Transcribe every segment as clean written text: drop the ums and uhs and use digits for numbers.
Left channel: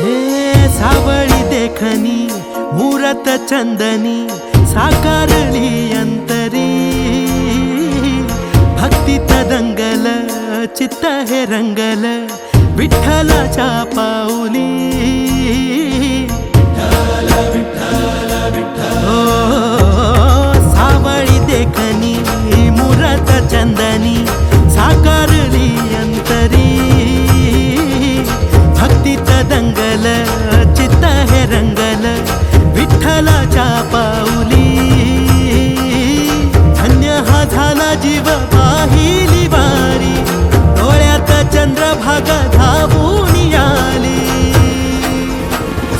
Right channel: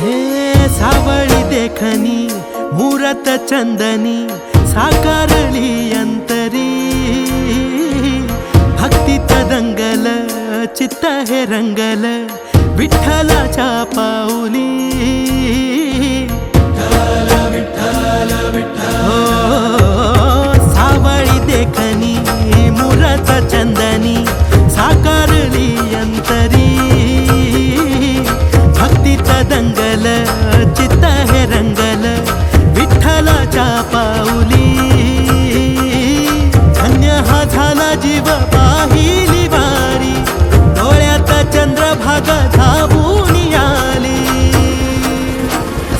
हे सावळी देखणी मुरत चंदनी साकारली अंतरी भक्तीत दंगल चित्त हे रंगल विठ्ठलाच्या पाऊली हो सावळी देखणी मुरत चंदनी साकारली अंतरी भक्तीत दंगल चित्त हे रंगल विठ्ठलाच्या पाऊली धन्य हा झाला जीव पाहिली वारी डोळ्यात चंद्रभागा धावून आली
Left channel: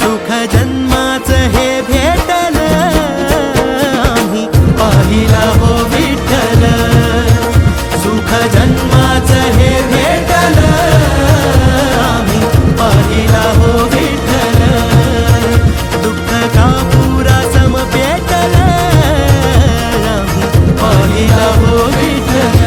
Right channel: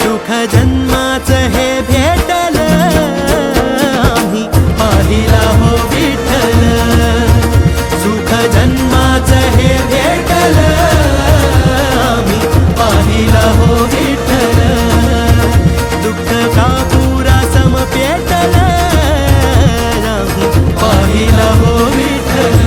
सुख जन्माचं हे भेटल आम्ही पाहिला हो विठ्ठल सुख जन्माचं हे भेटल आम्ही पाहिला हो विठ्ठल दुःख का पुरा सम पेटल आम्ही पाहिला हो विठ्ठल